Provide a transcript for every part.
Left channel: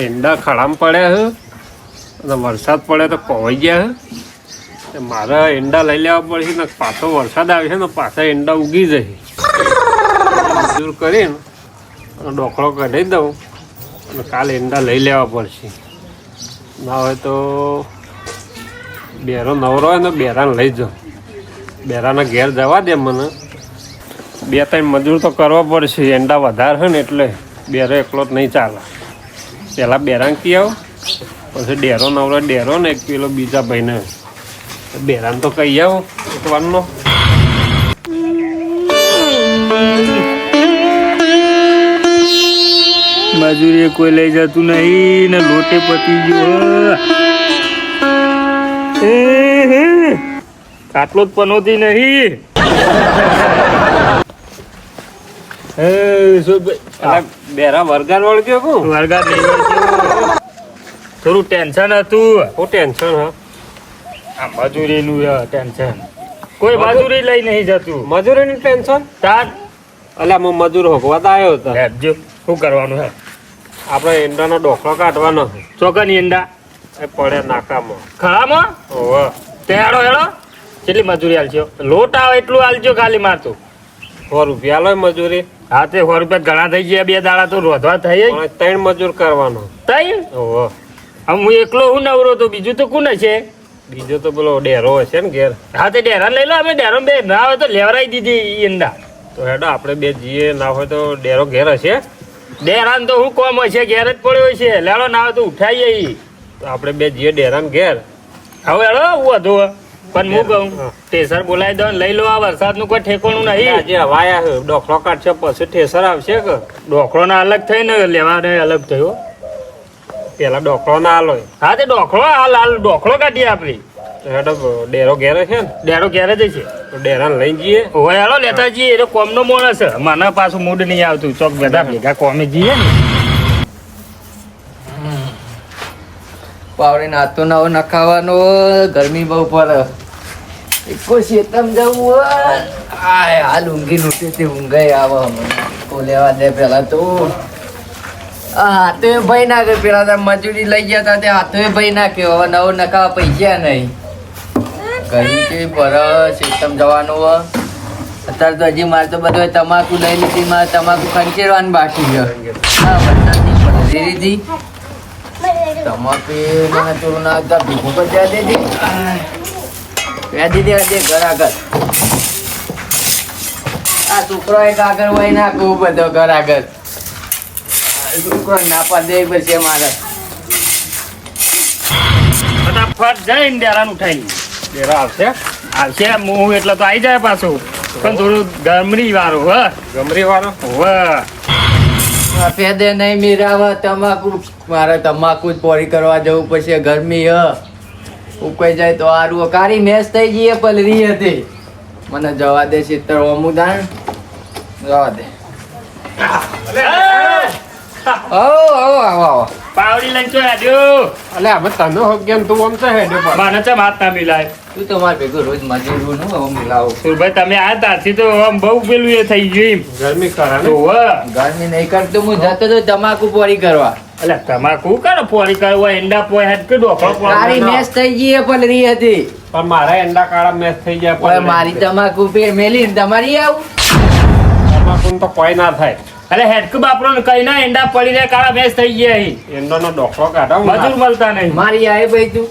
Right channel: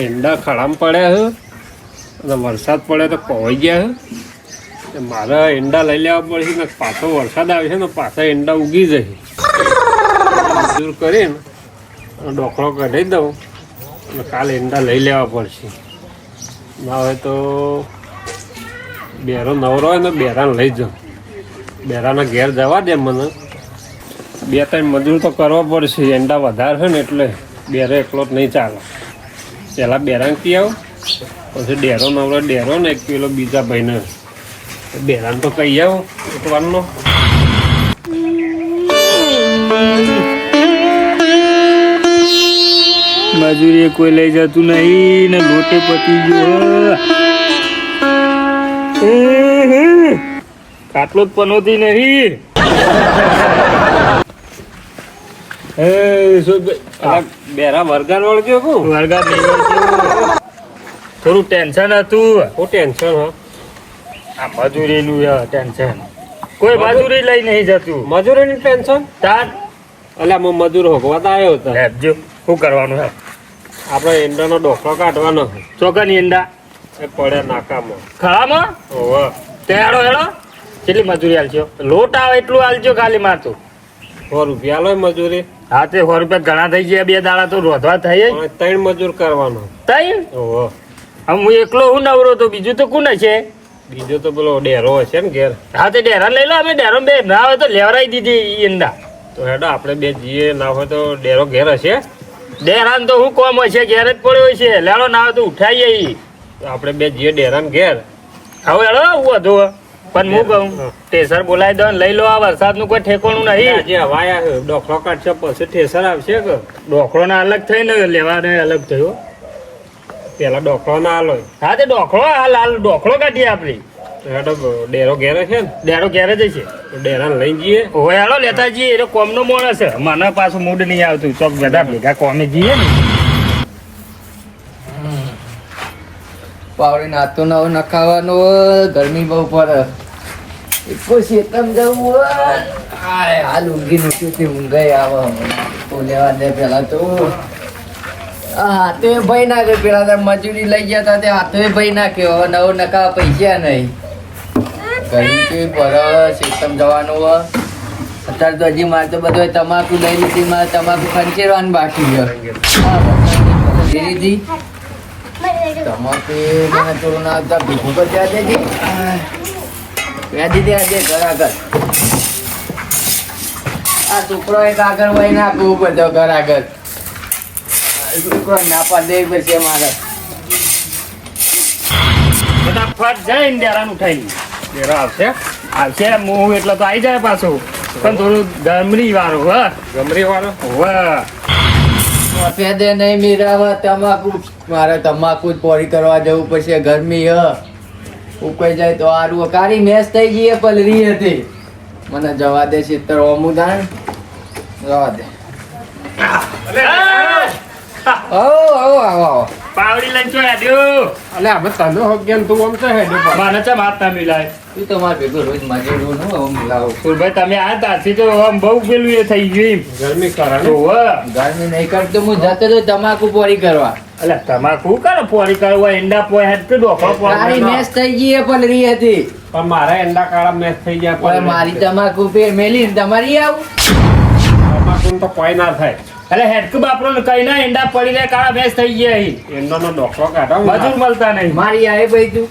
ઈંડા ખડામ પડ્યા છે અને વરસાદ પડે તો પવાઈ ગયા છે. મારે ઈંડા લઈ લેવા પડશે ને પાછો વરસાદ આવે છે ને પાછા ઈંડા ઉગી જાય. મજૂર કરીને ડોકળો કાઢી દઉં અને કાલે ઈંડા લઈ લેવા પડશે. ના હોય તો બેરો નવરો હોય ને બેરાને લઈ જાઉં. બેરાના ઘેર જવા દે મને. 2-3 મજૂર તો કરવા પડશે. ઈંડા વધારે છે ને એટલે બેરો એકલો જ નહીં ચાલે. પહેલાં બેરાને કી આવું પછી ડેરો નવરો ડેરો ને એક પેલો બીજા ભાઈને બેરાને તો કહી આવું એક વારનો. મજૂરી કોઈ લઈ જતું નહીં ને લોટે પતી ગયો. આટલો જ પનોતી નહીં. બેરા વરગાર વળગ્યો હું વરગાર નહીં વળગ્યો. થોડું ટેન્શન હતું. હું ટેન્શન હા આ મજૂરીનું ટેન્શન. કોઈ મજૂરી લઈ નહીં જતું. મજૂરીનું ટેન્શન તાર અલ્યા હું મજૂર હોગવા આવ્યો હતો. હેપજો શું કરવાનું હે? આપણે ઈંડાનો ડોકલો કાઢવાનો છે. ચોકની ઈંડા એ પડે નાકામાં. ખળામાં ઓવે તે હેડો હેડો. કેટલી મજૂરી આલજો? લોટ આવે એટલું આલજો ખાલી મારતું. 100 રૂપિયા લો મજૂરી. હા તે 100 રૂપિયા ઘણા થઈ ગયા. 2 દાડા તો રોધવા થઈ. 3 મજૂર કરવાનો. તઈ ઓવે હું એકલો હું નવરો તો બીજું તો કોણ છે? બીજો તો પેલો ડેરો હશે ને ઘેર. હા તે ડેરા લઈ લો. અમે ડેરો બે ના હોય તો લેવરાઈ દીધી ઈંડા. તો હેડો આપણે બે જઈએ. ના હોય તો ડેરો ઘેર હશે. ડેરાન તો હું કોમ હોય છે ઘેર જ પડ્યો હોય છે. લેડો ના હોય તો ઉઠાઈએ. તો આપણે બે જઈએ ડેરાને ઘેર. હવે હેડો હું હતું પણ હું કહું ટેસર બોલાવી દો લઈ લો. આ વરસાદનું કોઈ ઠેકોણું નહીં. આજે હવાયા છે ડોકલો કાઢશે પછી ઠેસર આવશે કે ડોકરો ના અલગ થઈ ને લેવાને અલગ થયો. પેલા ડોકલો ના આલો. હા તે ડોકરો હાલ હાલ ડોકરો કાઢીએ આપડી. હેડો ડેરો ઘેર છે ને ડેરો ઘેર જ છે. તો ડેરાને લઈ જઈએ. હોય હાલો લેતા જઈએ. એ તો કોમનો માણસ છે. મને પાછું મૂડ નહીં આવતું. ચોક બધા ભેગા કોમે જઈએ ને. પાવડી નાતો નવો નખાવાનો. ગરમી બહુ પડે. એકો શેતમ જવું આય હાલ ઊંઘી નોટી તે ઊંઘાઈ આવે. તો લેવા દે પેલા તો હાથે ભાઈ નાખે. પેલા તો મજૂરી લઈ ગયા હતા તે હાથે ભાઈ નાખ્યો. હવે નવો નખાવા પૈસા નહીં. ગરમી કેવી પડે. શેતમ જવાનું. અત્યારે તો હજી મારે તો બધો તમાકુ લઈ લીધી. મારે તમાકુ ખંચેરવાનું બાકી છે. હા બધાની પલળી લીધી. તમાકુ મને થોડું નાખતા ભીખું પર જવા દેજે. વ્યાજી દે ઘર આગળ. આ છોકરો એક આગળ વહી નાખવું બધો ઘર આગળ. છોકરો નાપા દે પછી મારે ફટાફટ જઈને ડેરાને ઉઠાઈ. ડેરો આવશે. આવશે હું એટલે તો આવી જાય પાછું. પણ થોડું ગમરી વાળું હ ગમરી વાળો. વાહ ફેદે નહીં મીરાવા. તમાકુ મારે તમાકુ જ પોરી કરવા જવું પછી. ગરમી ઉકાઈ જાય તો આરું કારી મેચ થઈ જઈએ. પલરી હતી મને જવા દે. ચિત્ર અમુદાન જવા દે. આવો આવો આવો આવો. પાવડી લઈને ચો આડ્યો. અલે અમે તને હોગ્યા તું આમ તો હેડે પર. મને ચમ હાથ ના મિલાય. તું તમારે ભેગું રોજ મજૂરો નું આવું મિલાવો. સુરભાઈ તમે આ તારથી તો આમ બહુ પેલું એ થઈ ગયું એમ. ગરમી કરે તો ગરમી નહીં કરતો. હું જતો તો તમાકુ પોરી કરવા. એટલે તમાકુ કરો પોરી કરવા. ઈંડા પોય હેડ કે ડોખો તારી મેચ થઈ ગઈ. પલરી હતી પણ મારા એંડા કાળા મેચ થઈ જાય. પણ મારી તમાકુ પે મેલી તમારી આવું. તમાકુ તો કોઈ ના થાય. એટલે હેડક બાપરો ને કઈ ના ઈંડા પડી રહ્યા કાળા મેચ થઈ ગયા અહીં. એંડાનો ડોકલો કાઢો. મજૂર મળતા નહીં. મારી આવે ભાઈ તું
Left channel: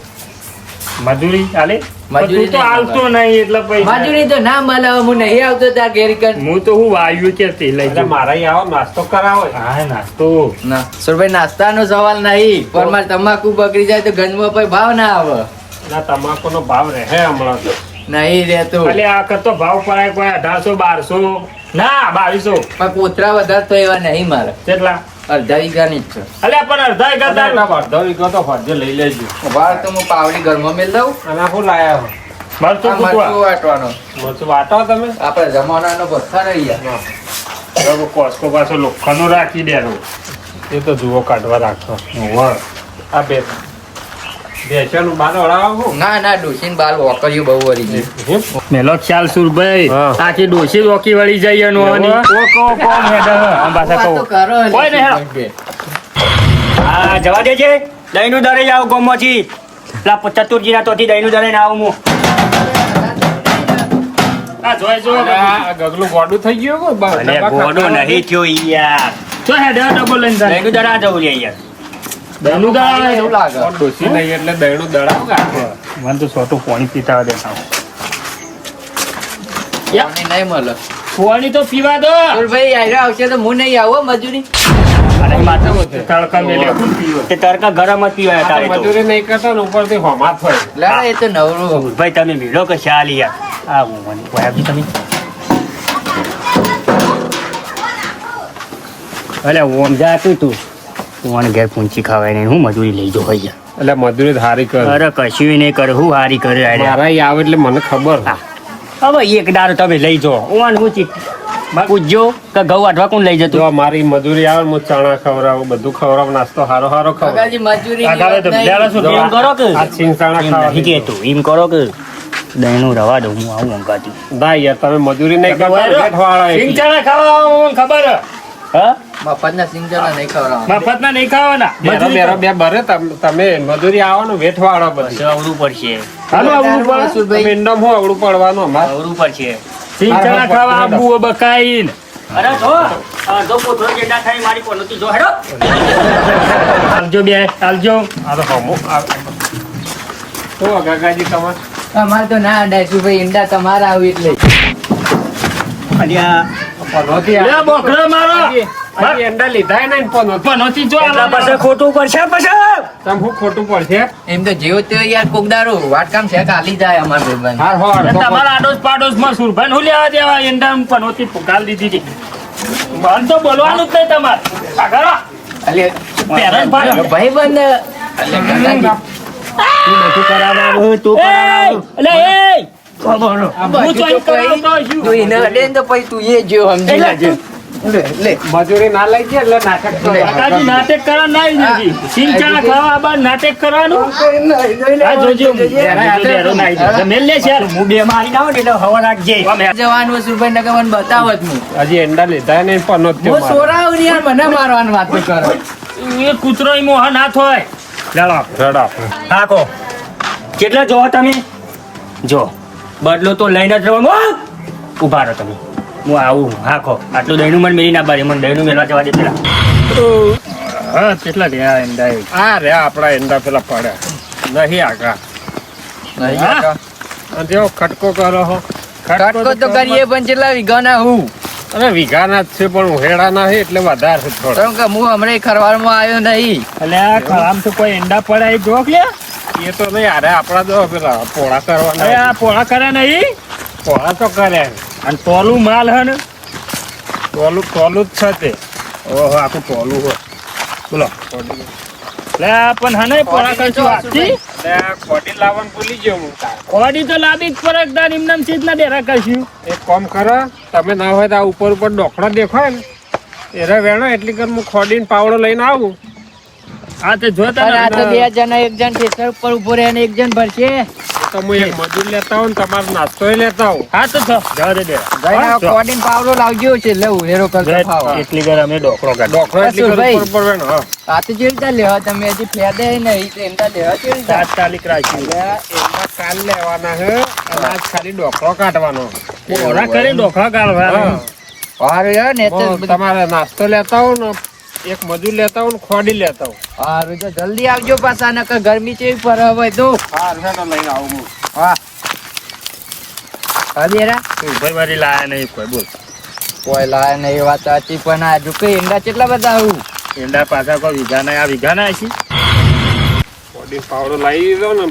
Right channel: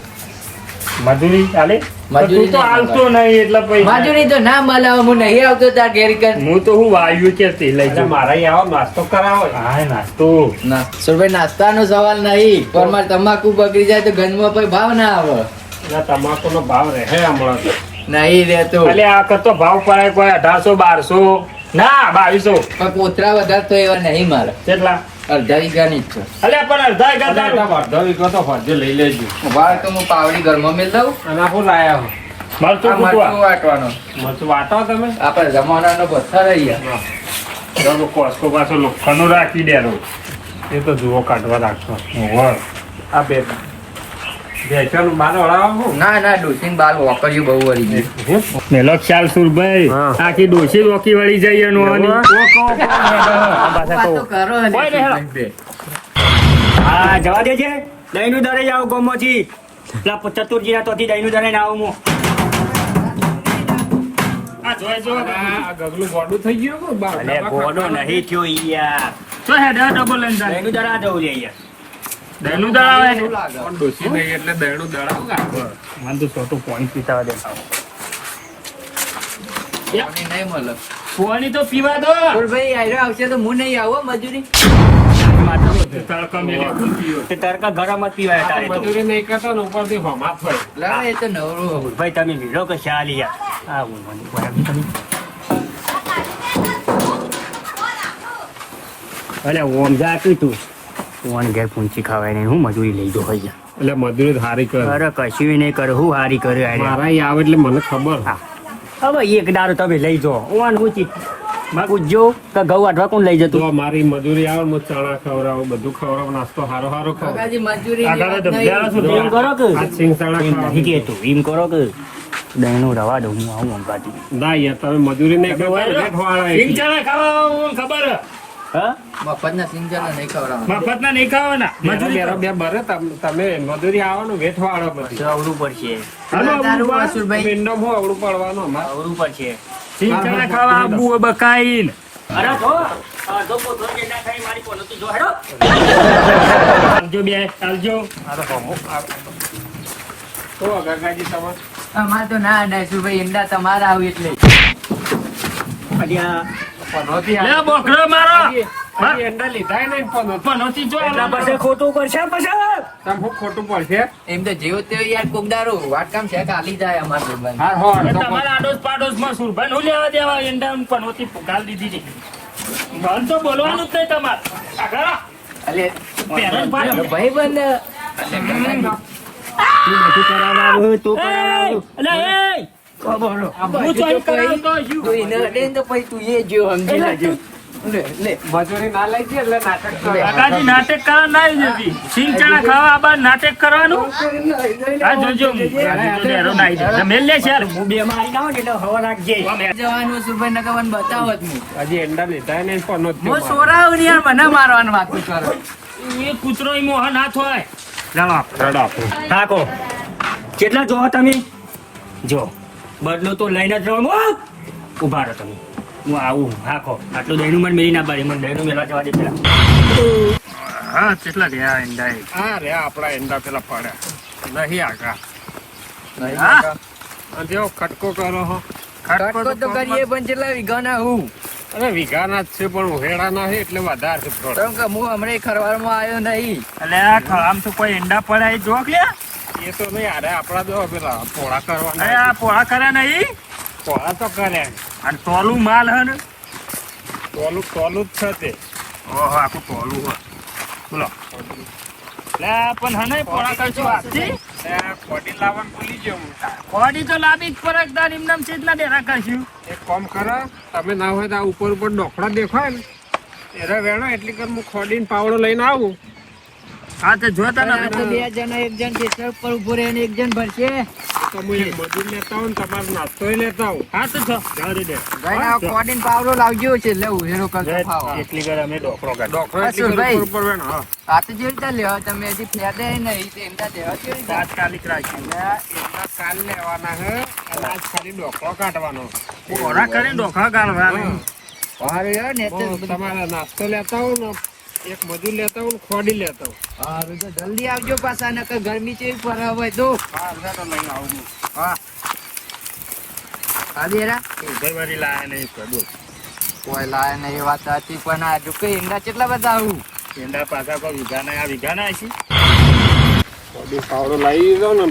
મજૂરી ચાલે. મજૂરી તું તો હાલતો નહીં એટલે પૈસા. મજૂરી તો ના મળે. હું નહીં આવતો તાર ઘેર કર. હું તો હું વાયુ કે લઈ એટલે જાઉં. મારા આવો નાસ્તો કરાવો. હા નાસ્તો. ના સુરભાઈ નાસ્તાનો સવાલ નહીં. પણ મારે તમાકુ બગડી જાય તો ગંજમાં કોઈ ભાવ ના આવે. એટલે તમાકુ નો ભાવ રહે હમણાં તો. નહીં રહેતો. એટલે આ કરતો ભાવ પડાય કોઈ 1800 1200 ના 2200. પણ કોતરા વધારે તો એવા નહીં મારે. કેટલા? અડધા વીઘાની જ છે. એટલે પણ અડધા એક હજાર. અડધો વીઘો તો ફરજે લઈ લેજો. ભાવ તો હું પાવડી ઘરમાં મેળ દઉં. અને શું લાયા હો? મરચું કૂટવા. વાટવાનો મરચું વાટો તમે. આપણે જમાનાનો પથ્થર રહ્યા. બરોબર કોસ્કો પાછો લોખંડનું રાખી દેરો. એ તો જુઓ કાઢવા રાખતો. વાહ આ બે ભેંસોનું બાર વળાવો ના ડોસીને બાલ વોકર્યું બહુ વળી ગયું. મેલો ખ્યાલ સુરભાઈ હા. આખી ડોસી વોકી વળી જાય એનું આની. વાતો કરો ને કોઈ નહીં, હા. સુરભાઈ. હા જવા દેજે દહીંનું દરે આવું ગોમોથી પેલા ચતુરજીના તોથી દહીંનું દરે આવું હું આ જોઈ જો આ ગગલું ગોડું થઈ ગયું હો, અને ડબ્બા ઘોડો ખાતા નહીં થયો યાર તો હેડે ડબલ લઈને જાય દહીંનું દરે આ જવું લે યાર દહીંનું દાડા એવું લાગે. કોણ ડોસી નહીં એટલે દહીંનું દડાવ કાઢે. મને તો સોટું પાણી પીતા દેતા પાણી નહીં મળે. પાણી તો પીવા દો સુરભાઈ આયરા આવશે તો હું નહીં આવો મજૂરી. તડકા મેલે કોણ પીવે? તે તડકા ગરમ જ પીવાય તારે તો મજૂરી નહીં કરતા ને ઉપરથી હોમાત હોય. લા એ તો નવરું. ભાઈ તમે ભીડો કે ચાલ યાર આ હું મને કોઈ તમે અલે ઓમ જાતું તું ઓન ઘેર પૂંચી ખાવાય નહીં હું મજૂરી લઈ જો ભાઈ એટલે મજૂરી તો હારી કરે. અરે કશું નહીં કરે હું હારી કરે અરે. મારા ઈ આવે એટલે મને ખબર. હવે એક દાડો તમે લઈ જો ઓન પૂછી પૂછજો કે ઘઉં આટવા કોણ લઈ જતું જો મારી મજૂરી આવે ને હું ચણા ખવડાવું, બધું ખવડાવું, નાસ્તો હારો ખવડાવું. કાકાજી મજૂરી આ ગાળે તો બિચારા શું જો એમ કરો કે આ સિંગ ચણા એમ ખાવા નથી કહેતો એમ કરો કે દહીંનું રવા દઉં હું આવું અંગાતી ના યાર તમે મજૂરી નહીં કરતા બેઠવાળા સિંગ ચણા ખાવા મને ખબર હે. હા મફતના સિંગજણા નહીં ખવડાવવાના. મફતના નહીં ખાવાના મજૂરી બેરો બે બરે તમે મજૂરી આવો ને વેઠવાળા બસ બધી. આવડું પડશે હાલો આવવું પડે. સુરભાઈ પિંડમ હું આવડું પડવાનું અમારે. આવડું પડશે સિંગ ચણા ખાવા આબુ બકાઈને અરે જો જો પોતરો જેડા થાય મારી પોલોતી જો હેડો આલજો બે આલજો આ તો હમું શું કાકાજી તમારે અમારે તો ના અડાય સુરભાઈ ઈંડા તમારા આવી એટલે અલ્યા પનોતી લે બોકડો મારો હજી અંડા લીધા નહીં ને પનોતી. પનોતી જો એટલા પાસે ખોટું પડશે પછી તમે શું ખોટું પડશે? એમ તો જેવો તેવો યાર કોકદારો વાટકામ છે કાલી જાય અમાર ભાઈબંધ. હાર હો અડધો તમારા આડોશ પાડોશમાં સુરભાઈ હું લેવા દેવા એંડા પનોતી પુકાલ દીધી હતી મને તો બોલવાનું જ નહીં તમારે આગળ અલે પેરણ પાડી. ભાઈબંધ તું બધું કરાવવાનું તું કરાવવાનું અલે એ આ હું બાજુ તો તો એમ કરાવતો કોઈ- છું. તું એને અડે ને તો પછી તું એ જો સમજી એટલે લેજે. લે, લે. મજૂરી ના લઈ ગયા એટલે નાટક કરો. કાકાજી નાટક કરવા ના આવી જતી સિંગ ચણા ખાવા બાદ નાટક કરવાનું આ જોજો ડેરો ના આવી જાય મેલ લે છે હું બે મારી ના એટલે હવા રાખજે જવાનું હોય સુરભાઈ નગર મને બતાવત હું હજી અંડા લીધા નહીં પનોતી હું સોરાવ ને યાર મને મારવાની વાતો કરો. એ કૂતરો ઈ મોહન હાથ હોય ચાલો રડા હાકો કેટલા જો તમે જો બદલો તો લઈને જ રહેવાનો ઉભા રહો તમે હું આવું હાકો આટલું દહીંનું મને મેરી ના બારી મને દહીંનું મેળવા જવા દે પેલા હા કેટલા રહ્યા એંડા એ? આ રે આપડા એંડા પેલા પડ્યા નહીં આગા. હા. અને જેવો ખટકો કરો હો. કાટકો તો કરીએ પણ કેટલા વીઘાના હું અરે વીઘાના જ છે પણ ઉહેડા ના છે એટલે વધારે છે થોડા. કારણ કે હું હમણાં ખરવાડમાં આવ્યો નહીં. એટલે આ ખરામ તો કોઈ એંડા પડાય જોક લે એ તો નહીં અરે આપડા તો પેલા પોળા અરે કરવાના આ પોળા કરે નહીં પોળા તો કરે અને તોલું માલ હે ને ટોલું ટોલું જ છે તે. ઓહો આખું ટોલું હોય. બોલો લે આ પણ હને પોળા કરશું આજથી એટલે આ કોટી લાવવાનું ભૂલી ગયો હું. ઓડી તો લાબી જ ફરક દાન એમનામ ચેતના ડેરા કરશું એક કામ કરો તમે ના હોય તો આ ઉપર ઉપર ડોકડો દેખાય ને એરા વેણો એટલી કર હું ખોડીને પાવડો લઈને આવું. આ તો જોતા અને આ તો ને બે જણા એક જણ ખેતર ઉપર ઉભો રહે અને એક જણ ભરશે. તો હું એક મજૂર લેતા હોઉં ને તમારો નાસ્તો લેતા આવું. હા તો છો જવા દે જઈને આ કોડીને પાવડો લાવજો છે લે ઉહેરો કરતો ફાવો. એટલી ઘર અમે ડોકરો કાઢ ડોકડો એટલી કર ભાઈ. ઉપર ઉપર વેણો હા. આ તો જેવી રીતે લેવા તમે હજી ફેદે નહીં તો એમના લેવા કેવી રીતે? તાત્કાલિક રાખ્યું એટલે એમાં કાલ લેવાના છે અને આજ ખાલી ડોકડો કાઢવાનો. પોળા કરી ડોકરા કાઢવા હા. હારું યાર ને તો હું તમારે નાસ્તો લેતા હોઉં ને એક મજૂર લેતા હોઉં ને ખોડી લેતા હોઉં. હારું તો જલ્દી આવજો પાછા નકર ગરમી ચેવી પડે હોય તો. હા હેડો લઈને આવું હું. હા હા બેરા ભાઈ મારી લાયા નહીં કોઈ બોલ કોઈ લાય ને એ વાત સાચી પણ આ જો કઈ ઈંડા કેટલા બધા આવું ઈંડા પાછા કોઈ વીઘાના આ વીઘાના છે ખોડી પાવડો લાવી દીધો ને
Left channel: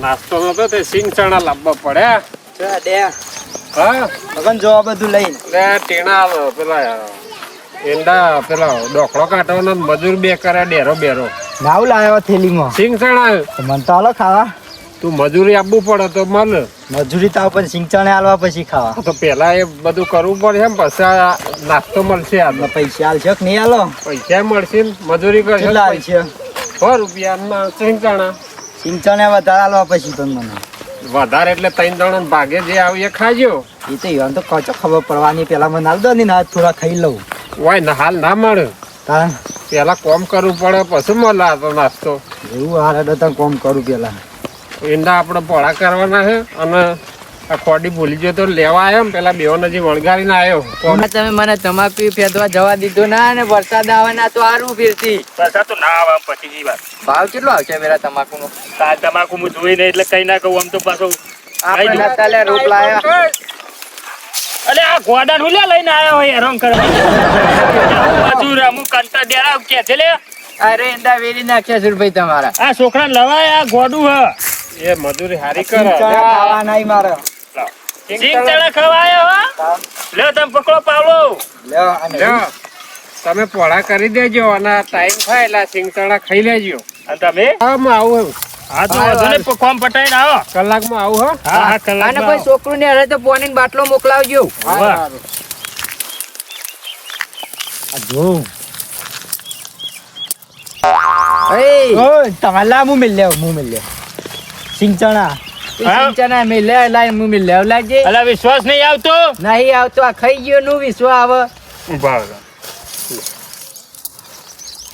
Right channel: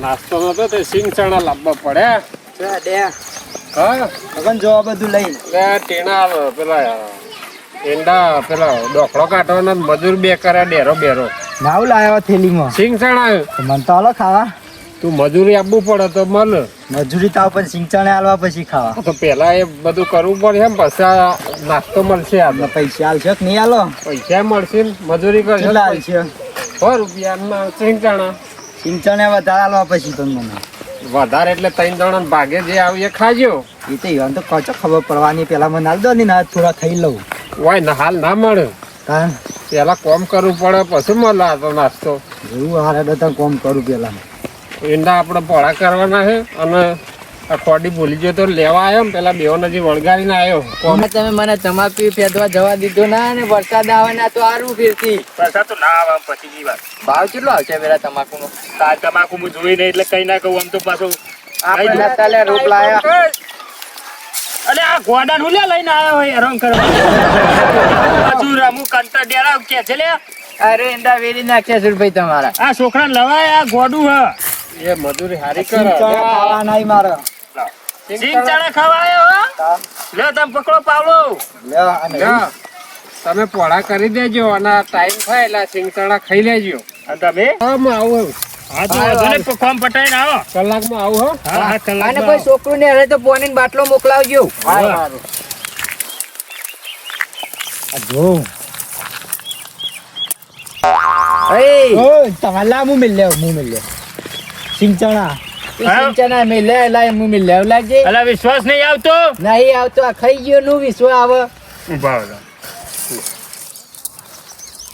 નાસ્તો નતો તે સિંગ ચણા લાવવા પડ્યા. હા મગન જો બધું લઈને એટલે ટીણા પેલા એંડા પેલા ડોકડો કાઢવાનો ને મજૂર બે કર્યા ડેરો બેરો. નાવ લાવ્યો થેલીમાં સિંગ ચણા મન તો હાલો ખાવા તું મજૂરી આપવું પડે તો મળે. મજૂરી તો પણ સિંગચણે હાલવા પછી ખાવા તો પેલા એ બધું કરવું પડે એમ પછી આ નાસ્તો મળશે. આ પૈસા હાલશો કે નહીં હાલો પૈસા મળશે ને મજૂરી કરશે કેટલા હાલશે 100 રૂપિયા સિંગ ચણા સિંચણે વધારે આલવા પછી તો મને વધારે એટલે 3 જણા ભાગે જે આવી એ ખાજો. એ તો ઈવન તો કચો ખબર પડવાની પેલા મને આલ દો ને ના થોડા ખાઈ લઉં હોય ને હાલ ના મળે, તાન પેલા કોમ કરવું પડે પછી મળે આ તો નાસ્તો. એવું હારે તો કોમ કરું પેલા ઈંડા આપણે પોળા કરવાના છે અને આ ખોડી ભૂલી ગયો તો લેવા આવ્યો ને પેલા બેઓ નજી વળગાડીને આવ્યો. હમણાં તમે મને તમાકુ ફેંદવા જવા દીધો ના ને વરસાદ આવે ના તો સારું ફેરતી પાછા તો ના આવે આમ પતિની વાત. ભાવ કેટલો આવશે પેલા તમાકુ નો? આ તમાકુ હું જોઈ નહીં એટલે કઈ ના કહું આમ તો પાછો આપણે કાલે રોપ લાયા. અરે આ ગોડા નું લઈને આવ્યો હોય હેરાન કરવા. પાછું રમું કંટા ડેરા કે છે લે. અરે એંડા વેરી નાખ્યા સુરભાઈ તમારા. આ છોકરા લવાય આ ગોડું હ. એ મજૂરી હારી સિંચણે કરે. ખાવા નહીં મારે સિંગ ચણા ખવાયો હો. લે તમે પકડો પાવલો. લ્યો આને લ્યો, તમે પોળા કરી દેજો અને ટાઈમ થાય એટલે સિંગતણા ખાઈ લેજો. અને તમે હા હું આવું. હા તો વાંધો નહીં, કોમ પટાઈને આવો. કલાકમાં આવું હો. હા હા અને કલાકમાં કોઈ છોકરું ને હરે તો પોની ને બાટલો મોકલાવજો. વાહ. જો એ ઓય તમારે લા હું મિલ લ્યો સિંચણા સિંચના મે લે લાય મું લેવ લાજે. અલા વિશ્વાસ નહીં આવતો. નહીં આવતો આ ખાઈ ગયો નું વિશ્વ આવે. ઉભા રહો.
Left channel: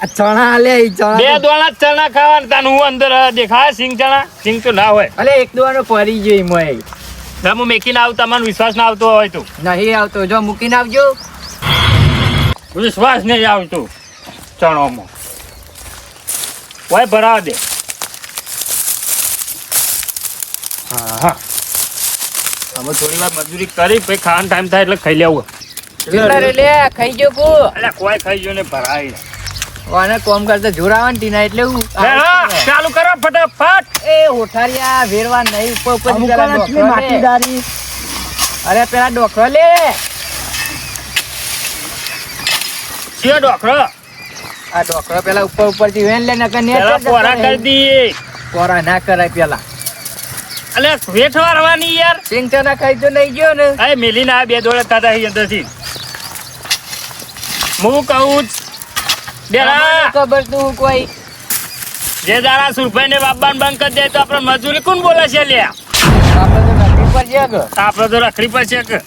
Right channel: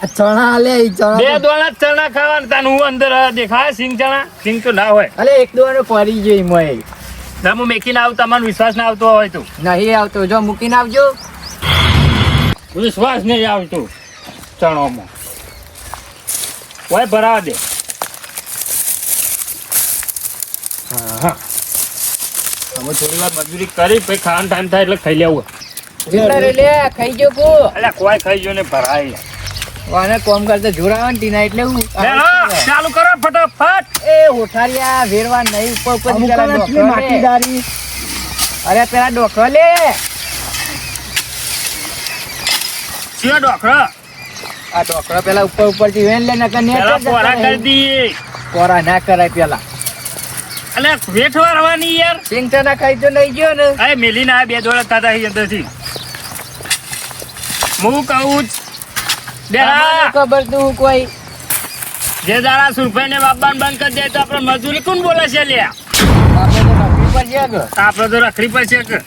આ ચણા આલે ઈ બે ચણા દોણા ચણા ખાવાના તાન હું અંદર દેખાય સિંગ ચણા સિંગ તો ના હોય. અલે એક દોવાનો પડી ગયો મોય. ના હું મેકીને આવું તમને વિશ્વાસ ના આવતો હોય તો નહીં આવતો જો મૂકીને આવજો. વિશ્વાસ નહીં આવતો ચણોમાં હોય ભરાવા દે. હા હા અમે થોડી વાર મજૂરી કરી પછી ખાવાનો ટાઈમ થાય એટલે ખાઈ લેવું. કેટલા રે લે ખાઈ ગયો કો. એટલે કોઈ ખાઈ ગયો ને ભરાય. વાને કોમ કરતા જોર આવે ને ટીના એટલે હું ચાલુ કરો ફટાફટ. એ હોઠારિયા વેરવા નહીં ઉપર ઉપર અમુક પેલા આટલી ડોકરો લે. માટીદારી અરે પેલા ડોકરો લે. ચિયો ડોકરો આ ડોકરો પેલા ઉપર ઉપર થી વેન લે નકર ને પેલા પોરા કરી દઈએ. કોરા ના કરાય પેલા. અલે વેઠ વારવાની યાર. સિંગ ચના ખાઈ તો નહીં ગયો ને. આ મેલીને આ બે દોડા થતા અંદરથી હું કહું તમને ખબર તું કોઈ જે દાડા સુરભાઈ ને બાબાને બંધ કરી દે તો આપણે મજૂરી કોણ બોલે છે લ્યા. આપણે તો નોકરી પર ગયા કે. આપણે તો રખડી પર છે કે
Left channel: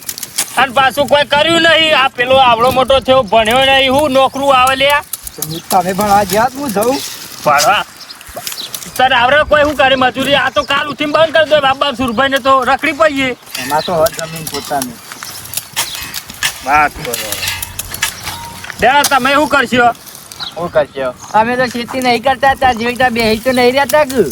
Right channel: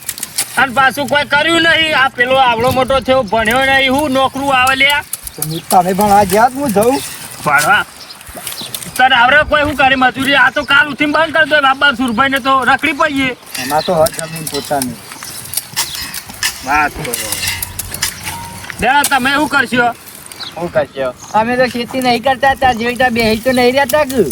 અને પાછું કોઈ કર્યું નહીં. આ પેલો આવડો મોટો થયો ભણ્યો નહીં હું નોકરું આવે લ્યા તમે ભણવા જ્યાં હું જઉં ભણવા. તારે આવડે કોઈ શું કરે મજૂરી. આ તો કાલ ઉઠીને બંધ કરી દો બાબા સુરભાઈ ને તો રખડી પડીએ. એમાં તો હર જમીન પોતાની તમે શું કરશો? હું કરશો? અમે તો ખેતી નહીં કરતા તા જીવતા બેહી તો નહીં રહેતા કે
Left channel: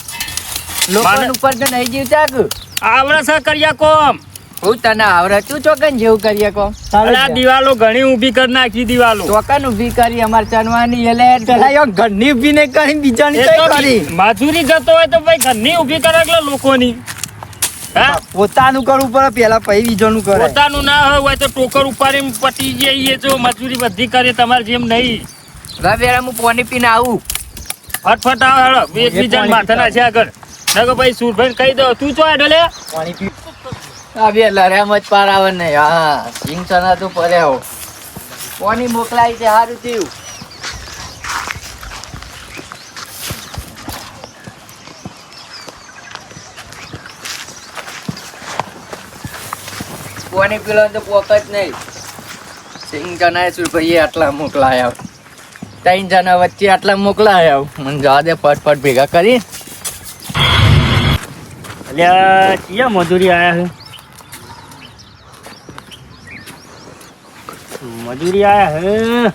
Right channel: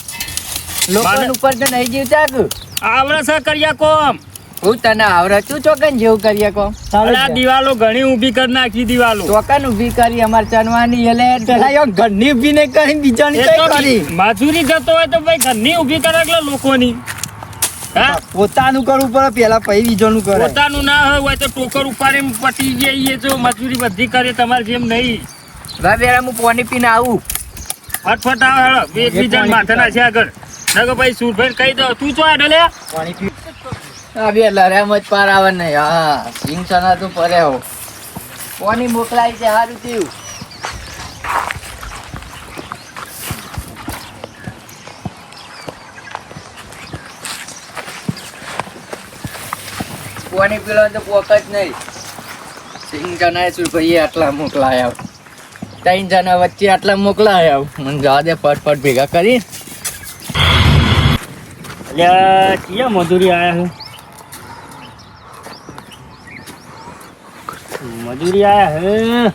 લોકો ઉપર તો નહીં જીવતા કે. આવડે છે કર્યા કોમ. હું તને આવડે તું ચોકન જેવું કરીએ કોમ. અરે આ દિવાલો ઘણી ઊભી કરી નાખી દિવાલો. ચોકન ઊભી કરી અમારે ચનવાની એટલે પેલા યો ઘરની ઊભી નહીં કરી બીજાની એ કઈ તો કરી મજૂરી જતો હોય તો ભાઈ ઘરની ઊભી કરે એટલે લોકોની. હા પોતાનું કરવું પડે પેલા પછી બીજાનું કરે પોતાનું ના હોય તો ટોકર ઉપાડીને પતી જઈએ જો મજૂરી બધી કરે તમારે જેમ નહીં. વેરા હું પાણી પીને આવું. ફટફટ આવો એકબીજા માથે ના છે આગળ નકો ભાઈ સુરભાઈ કહી દો તું ચો એટલે પાણી પી આ બે લડ્યા જ પાર આવે નહીં. હા સિંગ ચના તો પરે હો પાણી મોકલાય છે સારું થયું. પાણી પીલો તો પોક જ નહીં. સિંગ ચના સુરભાઈએ આટલા મોકલાયા. 3 જણા વચ્ચે આટલા મોકલાયા. મને જવા દે ફટફટ ભેગા કરી. અલ્યા ક્યાં મજૂરી આયા છે મજૂરી આયા હે.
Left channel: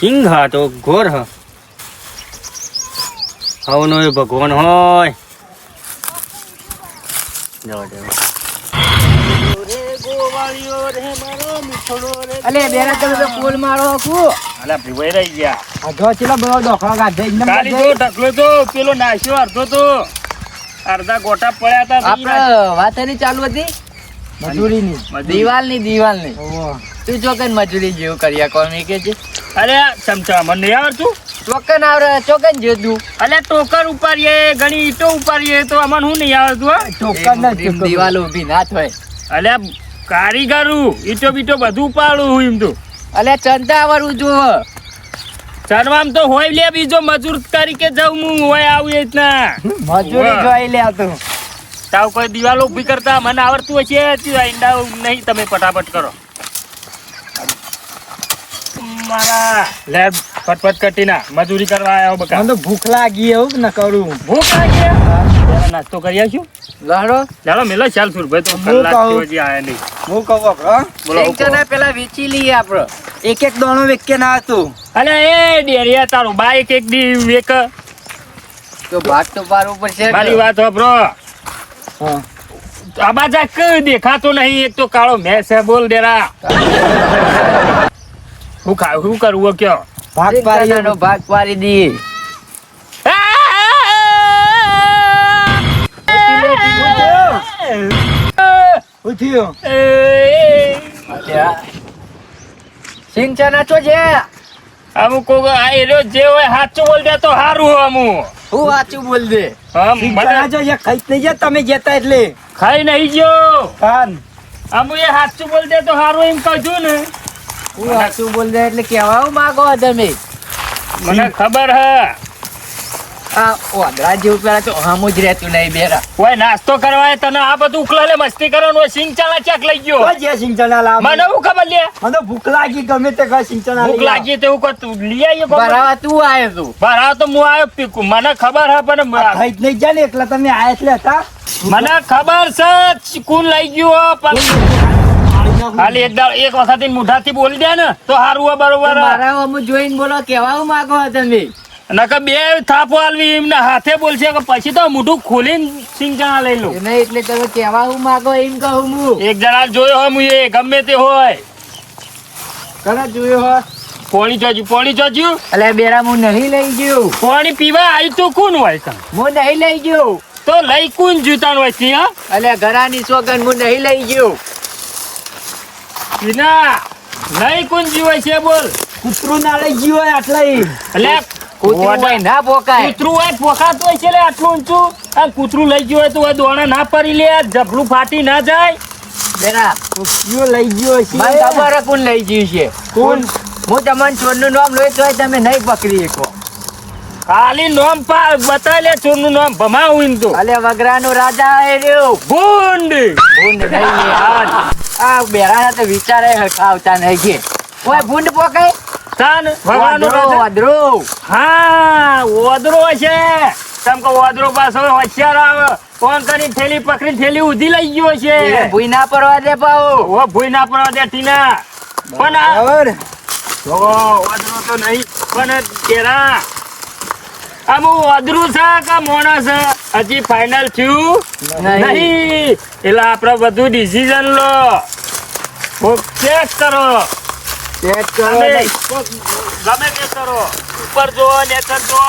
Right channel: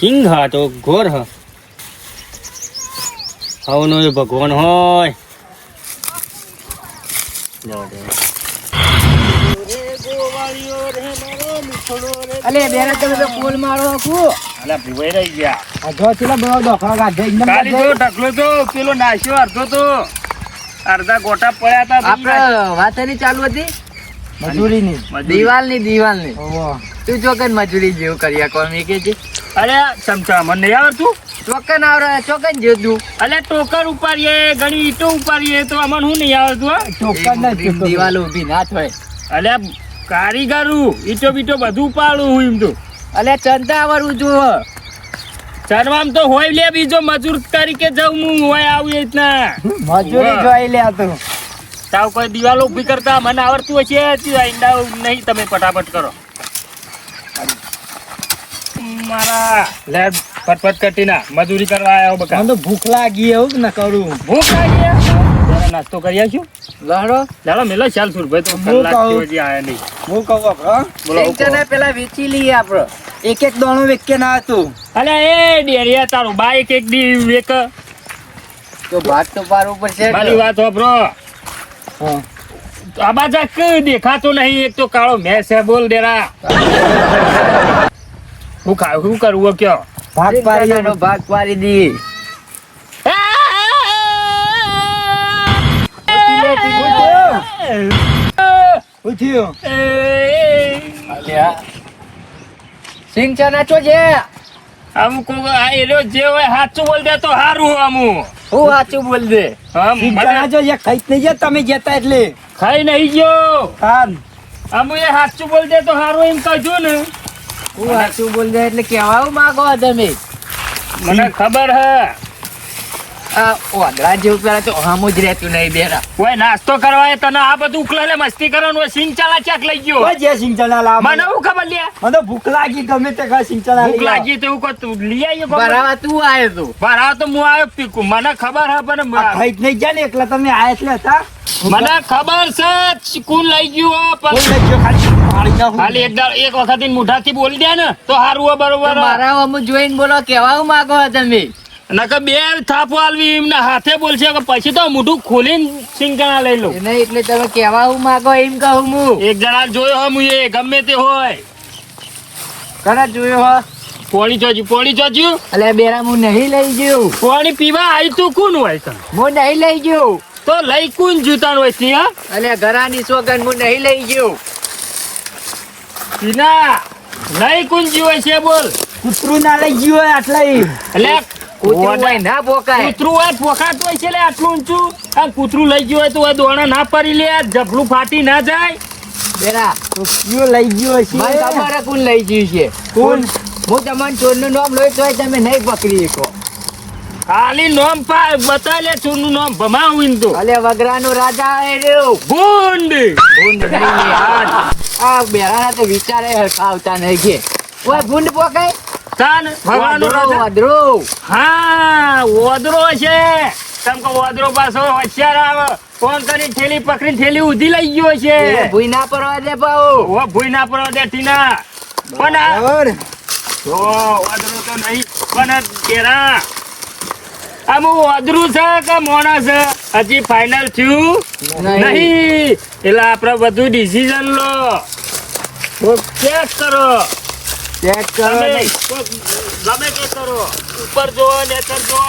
સિંહ હા તો ઘોર હ હવનો એ ભગવાન હોય. અલે બેરા તમે તો પોલ મારો કુ. અલા ભીવાઈ રહી ગયા. આ જો ચેલા બધા ડોખા ગાઢે એકદમ ખાલી તો ઢકલો તો પેલો નાશ્યો અડધો તો અડધા ગોટા પડ્યા હતા. આપણે વાત એની ચાલુ હતી મજૂરીની દિવાલની ઓહો તું ચોકન મજૂરી જેવું કર્યા કોમ એ કે છે અરે ચમચા મને નહીં આવડતું ચોકન આવડે ચોકન જેવું અલે ટોકર ઉપાડીએ ઘણી ઈટો ઉપાડીએ તો અમને હું નહીં આવડતું હો ટોકન ના ચૂકવું. દિવાલ ઊભી ના થાય અલે કારીગરું ઈટો બીટો બધું ઉપાડું હું એમ તો અલે ચંદા આવડવું જુઓ ચરવામ તો હોય લે બીજો મજૂર તરીકે જાઉં હું હોય આવું એ રીતના મજૂરી જોઈ લે તું. તાવ કોઈ દિવાલો ઊભી કરતા મને આવડતું હશે ઈંડા નહીં તમે ફટાફટ કરો મારા લે ફટફટ કટી ના મજૂરી કરવા આવ્યો બકા મને તો ભૂખ લાગી એવું ન કરું. ભૂખ લાગી પેલા નાસ્તો કરી આવીશું લહડો ચાલો મેલો ચાલ સુરભાઈ તો હું કલાક કહું. હજી આયા નહીં હું કહું આપણો બોલો એક જણા પેલા વેચી લઈએ આપડે એક એક દાણો વેકે ના હતું. અલે એ ડેરિયા તારું બાઈક એક દી એક તો ભાગ તો પાડવું પડશે મારી વાત વાપરો હા. આબા જાક દેખાતો નહીં એક તો કાળો મેસ હે બોલ દેરા હું ખાવ શું કરવું કયો ભાગ એક પાડી જણાનો ભાગ પાડી દઈએ ઉઠ્યો. સિંગ ચના છો છે અમુક આ એરિયો જે હોય સાચું બોલ દે તો સારું અમુક હું સાચું બોલ દે શીખવાના જો એક ખાઈ જ નહીં ગયા તમે જતા એટલે ખાઈ નહીં ગયો કાન અમુ એ સાચું બોલ દે તો સારું એમ કહ્યું ને હું સાચું બોલ દે એટલે કેવા માંગો તમે મને ખબર હે આ ઓદરા જેવું પેલા તો હમું જ રહેતું નહીં બેરા ઓય નાસ્તો કરવા તને આ બધું ઉકલાલે મસ્તી કરવાનું હોય સિંગ ચાલા ચાક લઈ ગયો કોઈ જે સિંચના લાવ મને હું ખબર લે મને તો ભૂખ લાગી ગમે તે કઈ સિંચના ભૂખ લાગી તો એવું તું લઈ આવીએ બરાબર તું આવ્યો તું બરાબર તો હું આવ્યો પીકું મને ખબર હે પણ ખાઈ જ નહીં ગયા ને એકલા તમે આયા એટલે હતા. મને ખબર છે કોણ લઈ ગયું હો, પણ ખાલી એક વખત મુઠાથી બોલી દે ને તો સારું હોય બરોબર મારા હમું જોઈને બોલો કેવા માંગો તમે નકર બે થાપો આલવી એમના હાથે બોલશે કે પછી તો મોઢું ખોલીને સિંગચાણા લઈ લો એને એટલે તમે કેવા માંગો એમ કહું હું એક જણા જોયો હોય હું એ ગમે તે હોય તને જોયો હો પોણી જોજ્યું એટલે બેરા હું નહીં લઈ ગયો પાણી પીવા આવી તો કોણ હોય તમે હું નહીં લઈ ગયો તો લઈ કોણ જૂતા હોય છે હા એટલે ઘરાની સોગન હું નહીં લઈ ગયો ના નહીં કોણ જીવે છે બોલ કૂતરું ના લઈ ગયું હોય આટલા એટલે કૂતરું ના પોકાય કૂતરું હોય પોકાતું હોય છે લે આટલું ઊંચું આ કૂતરું લઈ ગયું હોય તો દોણા ના પડી લે જબલું ફાટી ના જાય બેરા કૂતરું લઈ ગયો છે. મને ખબર કોણ લઈ ગયું છે કોણ? હું તમને ચોરનું નામ લઈ તો તમે નહીં પકડી શકો ખાલી નોમ બતાવી લે ચોરનું નામ ભમાવું તો અલે વગરાનો રાજા એ રહ્યો ગુંડ ભૂંડ નહીં આ બેરા તો વિચારે આવતા નહીં કે ઓય ભૂંડ પોકાય તાન ભગવાનનો રાજા વાદરો હા ઓદરો છે તમ કે ઓદરો પાછો હોશિયાર આવે ફોન કરી થેલી પકડી થેલી ઉધી લઈ ગયો છે ભૂઈ ના પડવા દે પાઉ ઓ ભૂઈ ના પડવા દે ટીના પણ આ બરાબર. ઓદરો તો નહીં પણ તેરા આમું ઓદરું છે કે મોણા છે હજી ફાઇનલ થયું નહીં એટલે આપણે બધું ડિસિઝન લો ચેક કરો ચેક કરો ગમે નહીં. ગમે તે કરો ઉપર જો નેચર જો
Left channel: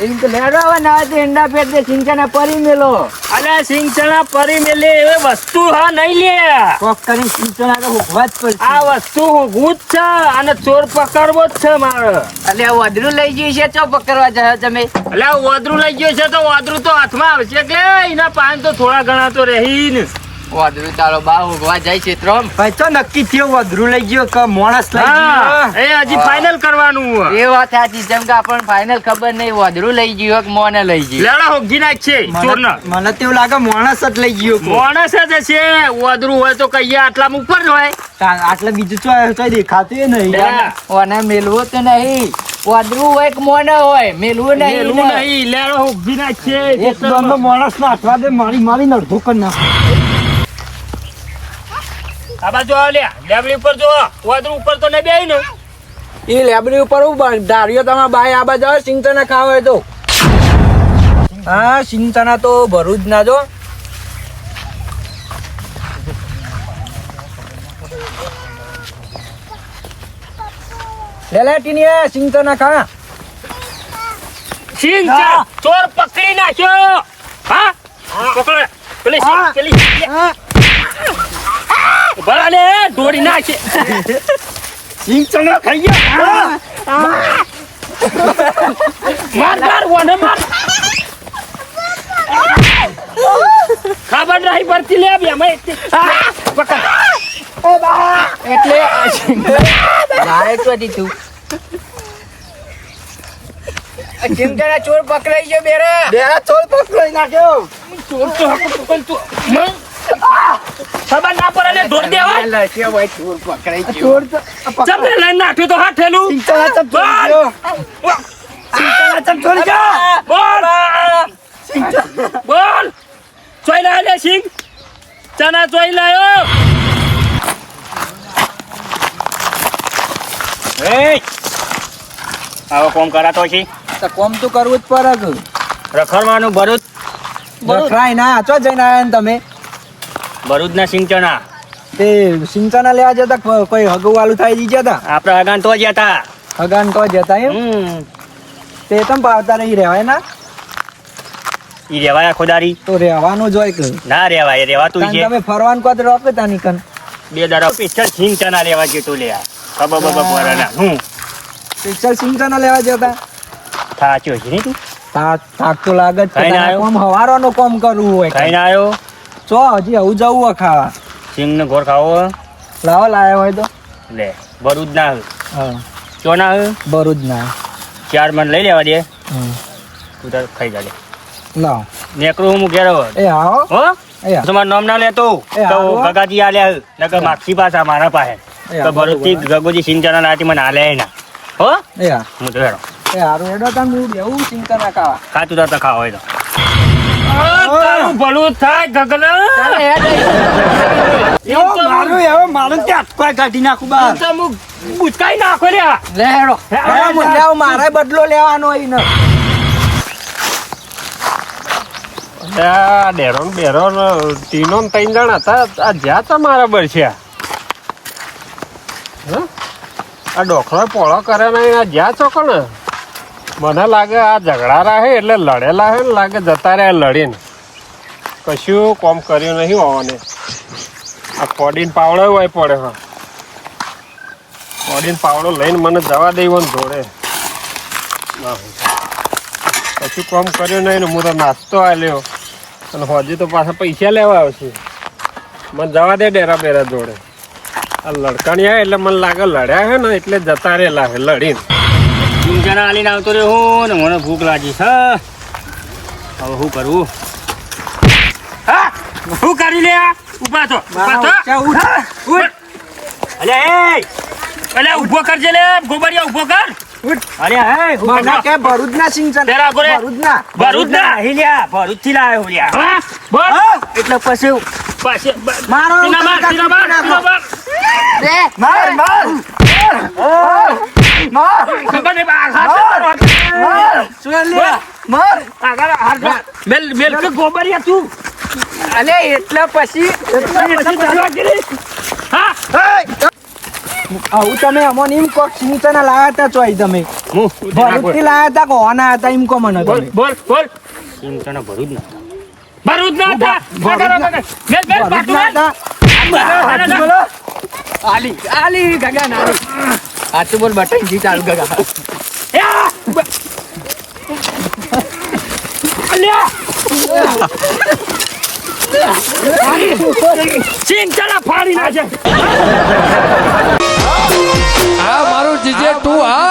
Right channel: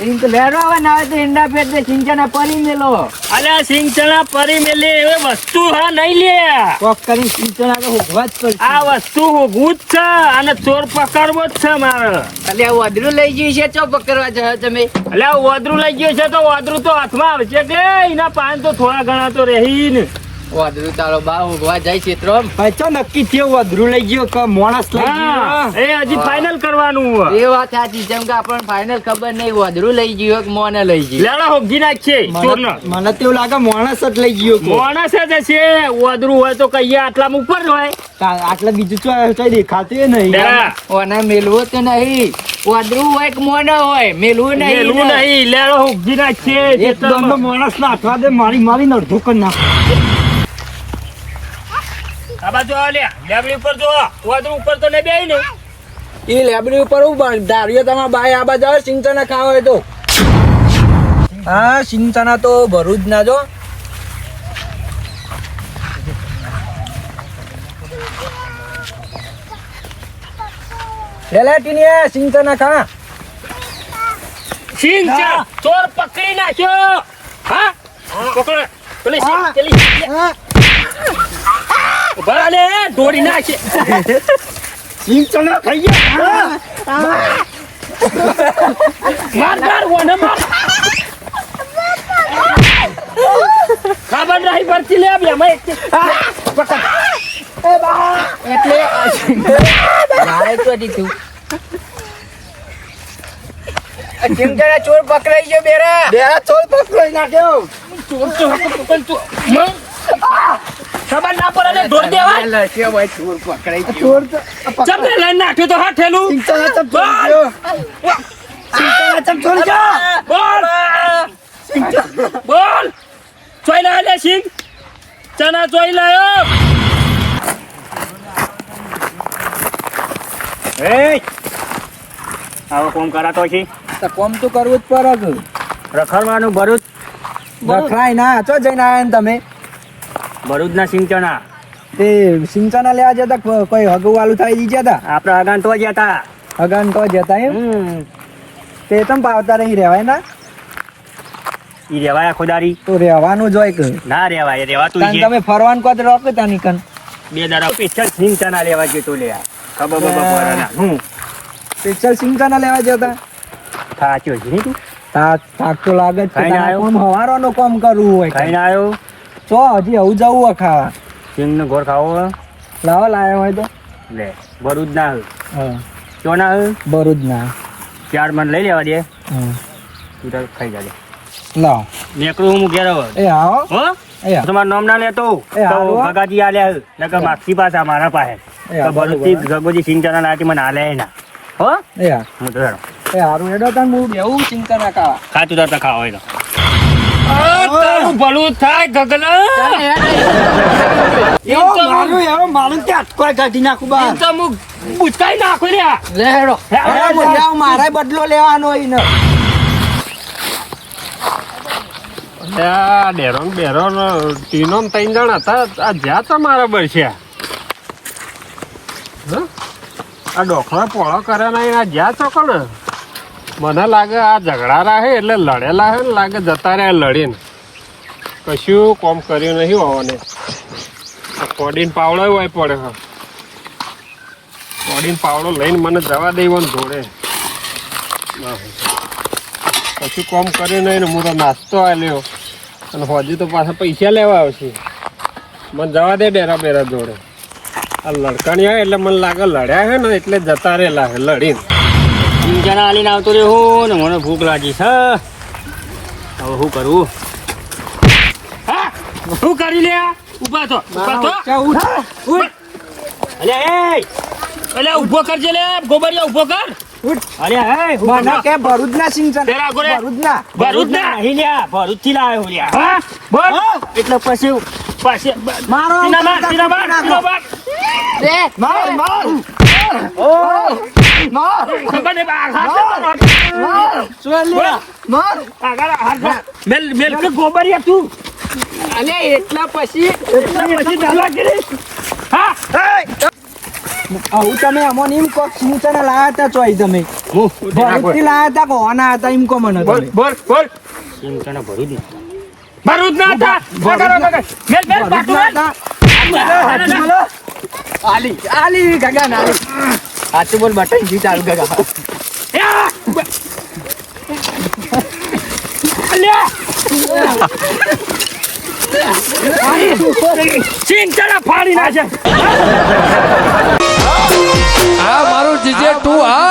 એમ તો લેવા ના હોય તો ઈંડા પેટ દે સિંચાના પરી મેલો અલ્યા સિંચણા પરી મેલે એવી વસ્તુ હા નહીં લે કોક કરીને સિંચના તો ઉભવા જ પડશે. આ વસ્તુ હોગું જ છે અને ચોર પકડવો જ છે મારે એટલે વાદરું લઈ ગયું છે ચો પકડવા જાય તમે અલ્યા ઓદરું લઈ ગયો છે તો ઓદરું તો હાથમાં આવશે કે એના પાન તો થોડા ઘણા તો રહી ને વાદરું ચાલો બા ઉગવા જાય છે ત્રમ ભાઈ તો નક્કી થયું વધરું લઈ ગયો કે માણસ લઈ હા ગયો. એ હજી ફાઇનલ કરવાનું એ વાત સાચી જેમ કે આપણને ફાઇનલ ખબર નહીં વાદરું લઈ ગયું કે મોને લઈ ગયું લેડા હોગી નાખ છે ચોર મને મને તો એવું લાગે માણસ જ લઈ ગયો કોક. માણસ જ હશે ઓદરું હોય તો કહીએ આટલામાં ઉપર જ હોય આટલે બીજું કઈ દેખાતું નહીં. લેડા ઓને મેલવું તો નહીં વાદરું હોય કે મોને હોય મેલવું નહીં મેલું નહીં લેડો હોગી નાખ છે એક દમનો માણસ ના હાથવા દે મારી અડધો કરી નાખ. આ બાજુ આવ લે લેબડી ઉપર જો ઓદરું ઉપર તો નહીં બેહી ને એ લેબડી ઉપર હું ધાર્યો તમારા બાય આ બાજુ સિંચના ખાવા હોય તો હા સિંચના તો ભરું જ ના જો લેલાટીની સિંચના ખા સિંહ છે ચોર પકડી નાખ્યો હા પકડ પેલી સિંહ પેલી ભલે દોડી નાખે સિંચનો ખાઈ ગયા માર માર વને માર ખબર નહીં પડતી લે બે મેં પકડ એટલે મારે તો દીધું ચિમચાના ચોર પકડાઈ ગયો બેરા ચોર પકડાઈ નાખ્યો ચોર તો પકડ તું ખબર ના પડે લે દોડ દેવાય લડકે ભાઈ ચોર પકડાઈ ગયો ચોર તો ચમને લઈને નાખ્યો તો હા ઠેલું ચિમચાના ચમ ચોરી ગયો ચિમચાના ચમ ચોરી ગયો બોલ બોલ ચોઈ ના લે સિંગ ચના ચોઈ લાયો એ આવો કોમ કરાતો છે તો કોમ તો કરવું જ પડે કે રખડવાનું ભરૂચ રખડાય ના ચો જઈને આયા ને તમે ભરૂચના સિંચના તે સિંચાના લેવા જતા કોઈ હગવાલું થાય દીધા હતા આપણા અગાન તો જ હતા હગાન તો જતા એમ તે તમ પાવતા રહી રહેવાય ના ઈ રેવાયા ખોદારી તો રહેવાનું જ હોય કે ના રેવાય રેવાતું કારણ છે તમે ફરવાનું કહો તો રોકે તા નીકન બે દાડા સ્પેશિયલ સિંચના લેવા જતો લે ખબર પડવાના સ્પેશિયલ સિંચાના લેવા જતા સાચું છે નહીં થાક તો લાગે જ કે ખાઈને તારે આવ્યો? કોમ હવારોનું કોમ કરવું હોય ખાઈને આવ્યો ચો હજી આવું જવું હોય ખાવા સિંગ ને ગોળ ખાવો લાવો લાયા હોય તો લે ભરૂચ ના હા ચો ના ભરૂચ ના 4 મણ લઈ લેવા દે હા તું તાર ખાઈ જાજો લાવો નેકરું હું ઘેરો એ આવો હો એ આવો. તમારું નામ ના લેતો એ હારું હો. ભગાજી આલ્યા નકર માગસી પાછા મારા પાસે એ તો હારું, ભરૂચથી બરોબર. ગગોજી સિંચના લાટી મને આલ્યા ના હો એ હા હું તો હેરો એ હારું હેડો તાન હું બેવું ચિંતા ના ખાવા ખાતું તાર ખાવા હોય તો તારું ભલું થાય ગગના મારું ત્યાં કોઈ કાઢી નાખું બહાર તો હું બુચકાઈ નાખો લે લેડો મારે બદલો લેવાનો હોય ને ડેરો બેરો તીનો ને 3 જણ હતા આ જ્યાં તો મારા બળશ્યા આ ડોખલો પોળો કરે ને આ જ્યાં ચોકો ને મને લાગે આ ઝઘડા રાહે એટલે લડેલા હે ને લાગે જતા રહ્યા લડીને કશું કોમ કર્યું નહીં હોવાને આ પોડીને પાવડો હોય પડે હા પોડીને પાવડો લઈને મને જવા દેવાનો જોડે ના હોય. કશું કોમ કર્યું નહીં ને હું તો નાસ્તો આલ્યો અને હજી તો પાછા પૈસા લેવા આવશે મને જવા દે ડેરા બેરા જોડે આ લડકણિયા એટલે મને લાગે લડ્યા હે ને એટલે જતા રહેલા હે લડીને સિંચના આલીને આવતો રહ્યો હું ને મને ભૂખ લાગી છે હવે શું કરવું હા શું કરી લે ઉભા તો અલ્યા એ અલે ઉભો કરજે લે ગોબરિયા ઉભો કર અલ્યા એ મને કે ભરૂચ ના સિંચન પેલા ગોરે. ભરૂચ ના ભરૂચ ના નહીં લ્યા ભરૂચ થી લાવ્યો હું લ્યા હા બોલ એટલે પછી પાછે મારો સીના માર સીના માર સીના માર માર ખબર નહીં બા હાથ મેલ મેલ કે ગોબરિયા તું અલે એટલા પછી હા આવું તમે અમોને એમ કોક સિંચના લાયા હતા ચોઈ તમે હું ભરૂચ થી લાયા હતા કે હોના હતા એમ કો મને બોલ તમે બોલ બોલ સિંચના ભરૂચ ના ભરૂચ ના હતા મેલ મેલ પાટુ મેલ આલી આલી ગગા નાલી હાથ બોલ બટન જી ચાલુ ગગા સિંચના ફાડી નાખે આ મારું જીજે તું આ